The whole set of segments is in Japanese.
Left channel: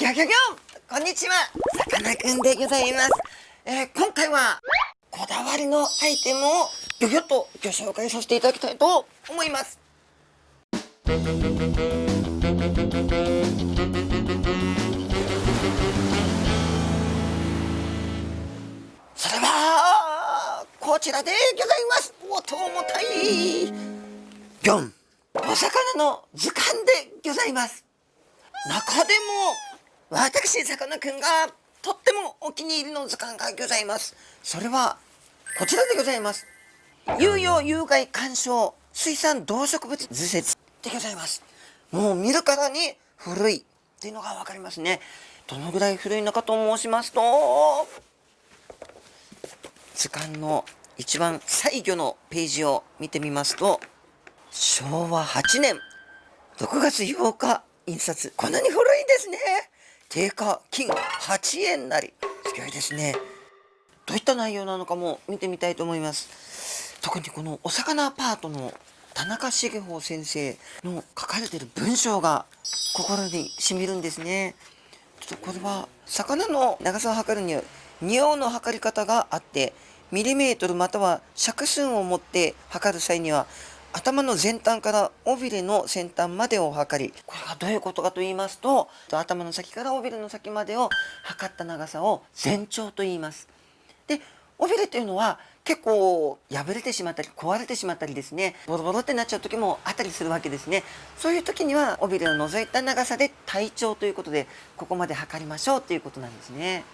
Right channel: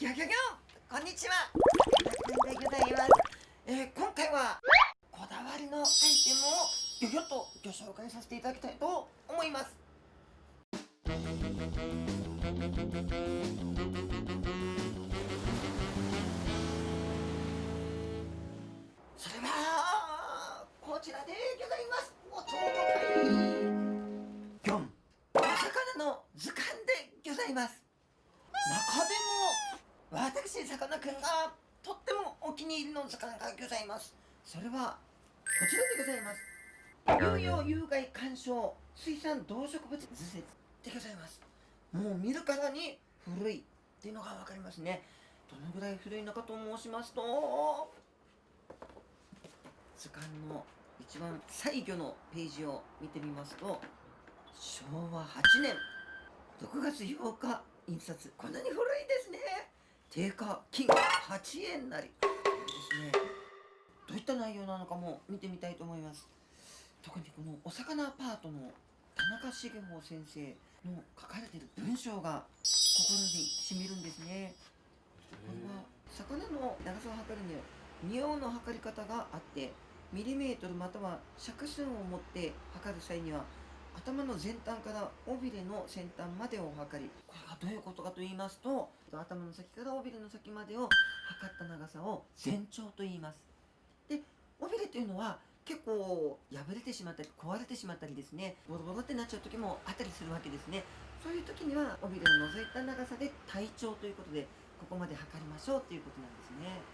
ギョギョギョ、こんにちは、さかなクンでございます。今回はこだわりのアイテムをギョギョッとご紹介させていただきたいと思います。それはこちらでございます。おと重たいギョン、お魚の図鑑でございます。中でも私さかなクンがとってもお気に入りの図鑑がございます。それはこちらでございます。有用有害鑑賞水産動植物図説でございます。もう見るからに古いっていうのがわかりますね。どのぐらい古いのかと申しますと、図鑑の一番最後のページを見てみますと、昭和8年6月8日印刷。こんなに古いんですね。定価金8円なり。すごいですね。どういった内容なのかも見てみたいと思います。特にこのお魚パートの田中茂穂先生の書かれている文章が心にしみるんですね。ちょっとこれは魚の長さを測るには仁王の測り方があって、ミリメートルまたは尺寸を持って測る際には頭の前端から尾びれの先端までを測り、これがどういうことかと言いますと、頭の先から尾びれの先までを測った長さを全長と言います。で、尾びれというのは結構破れてしまったり壊れてしまったりですね、ボロボロってなっちゃう時もあったりするわけですね。そういう時には尾びれを除いた長さで体長ということで、ここまで測りましょうということなんですね。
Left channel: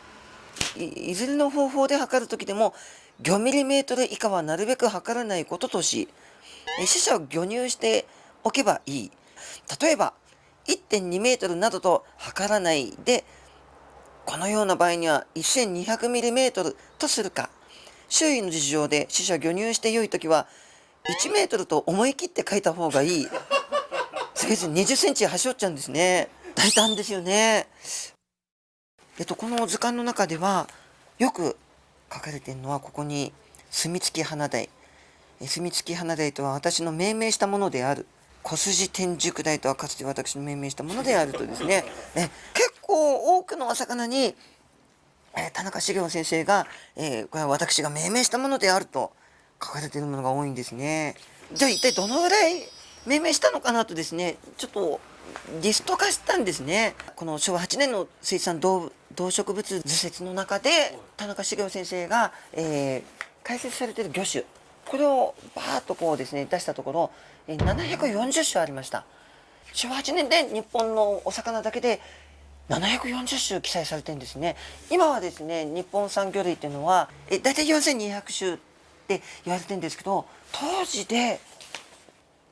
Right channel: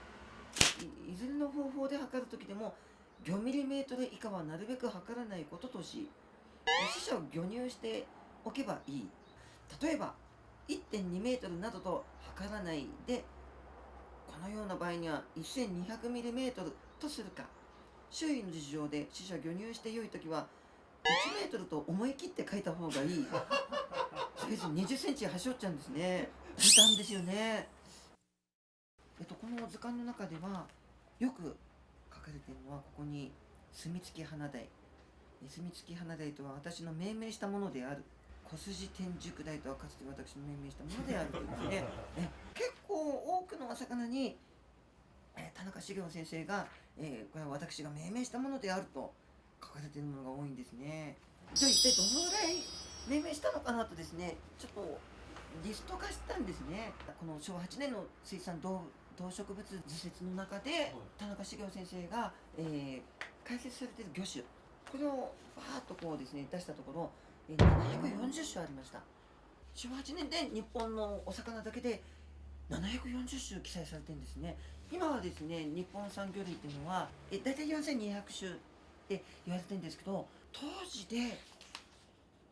いずれの方法で測る時でも5ミリメートル以下はなるべく測らないこととし、死者を魚入しておけばいい。例えば 1.2 メートルなどと測らないで、このような場合には1200ミリメートルとするか、周囲の事情で死者魚入して良いときは1メートルと思い切って書いた方がいい。せいぜい20センチ端折っちゃうんですね。大胆ですよね。この図鑑の中ではよく書かれているのは、ここに墨付き花鯛。墨付き花鯛とは私の命名したものである。小筋天竺鯛とはかつて私の命名したものであるとですね。結構多くのお魚に田中茂雄先生が、これは私が命名したものであると書かれているものが多いんですね。じゃあ一体どのぐらい命名したのかなとですね、ちょっとリスト化したんですね。この昭和8年の水産動植物図説の中で田中茂雄先生が、解説されている魚種、これをバーッとこうですね出したところ、740種ありました。昭和8年で日本のお魚だけで740種記載されてるんですね。今はですね、日本産魚類っていうのはだいたい4200種って言われてるんですけど、当時で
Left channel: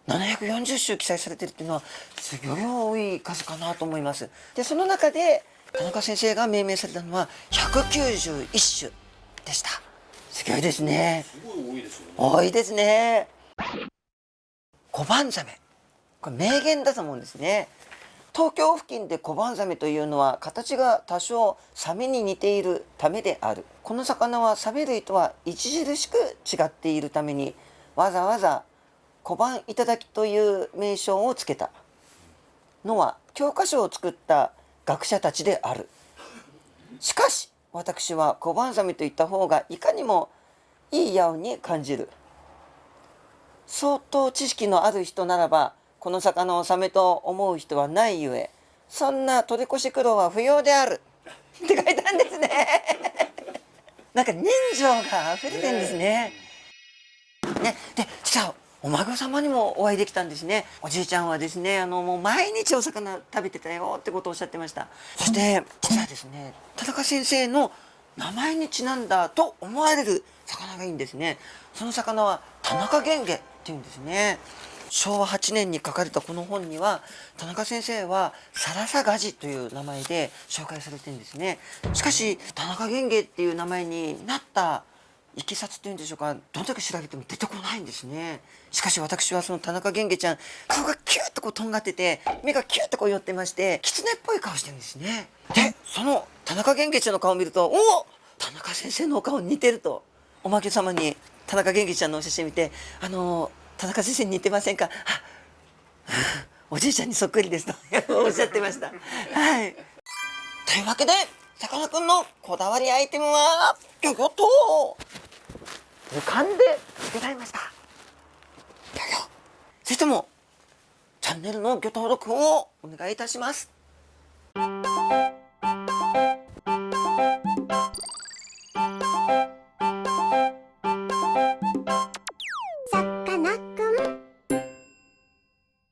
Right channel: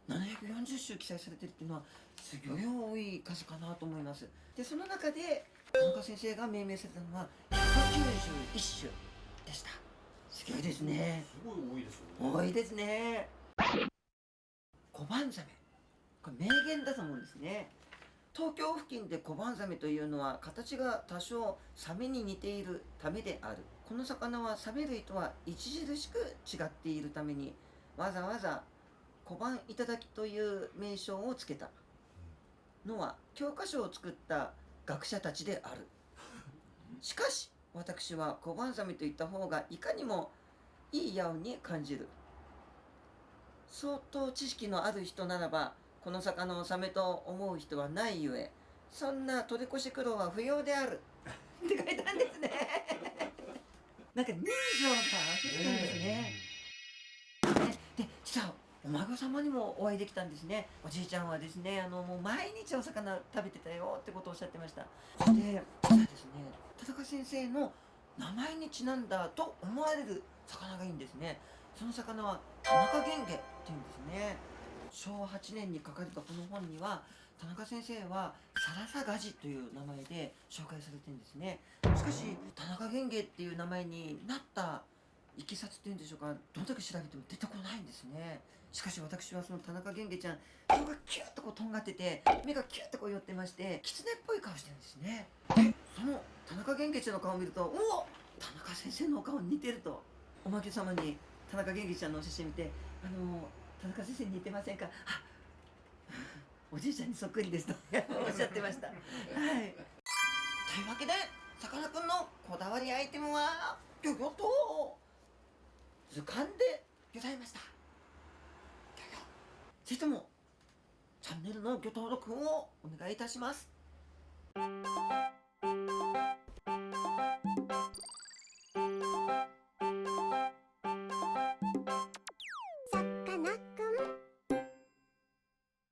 740種記載されてるっていうのはすごい多い数かなと思います。で、その中で田中先生が命名されたのは191種でした。すごいですね。すごい多いですよね。多いですね。コバンザメ。これ名言だと思うんですね。東京付近でコバンザメというのは形が多少サメに似ているためである。この魚はサメ類とは著しく違っているために、わざわざ小判いただきという名称をつけたのは教科書を作った学者たちである。しかし私は小判ザメといった方がいかにもいいやおに感じる。相当知識のある人ならばこの魚をサメと思う人はないゆえ、そんな取り越し苦労は不要であるって書いたんですね。なんか人情が溢れてるんですね。で、実はお孫様にもお会いできたんですね。おじいちゃんはですね、もう毎日お魚食べてたよってことをおっしゃってました。そして実はですね、田中先生の名前にちなんだと思われる魚がいいんですね。その魚は田中源下っていうんですね。昭和8年に書かれたこの本には、田中先生はサラサガジという名前で紹介されてるんですね。しかし田中源下っていう名前になったいきさつっていうんでしょうか、どんだけ調べても出てこないんですね。しかし私はその田中源下ちゃん、顔がキュッとこうとんがってて、目がキュッとこう寄ってまして、狐っぽい顔してるんですね。で、その田中源下ちゃんの顔を見ると、お、田中先生のお顔に似てると、おまけ様に田中源下ちゃんのお写真見て、田中先生に似てませんか、おじいちゃんにそっくりですとおっしゃってました。はい。というわけでさかなクンのこだわりアイテムはギョギョッと図鑑でギョざいました。ギョギョ。ぜひともチャンネルのギョ登録をお願いいたします。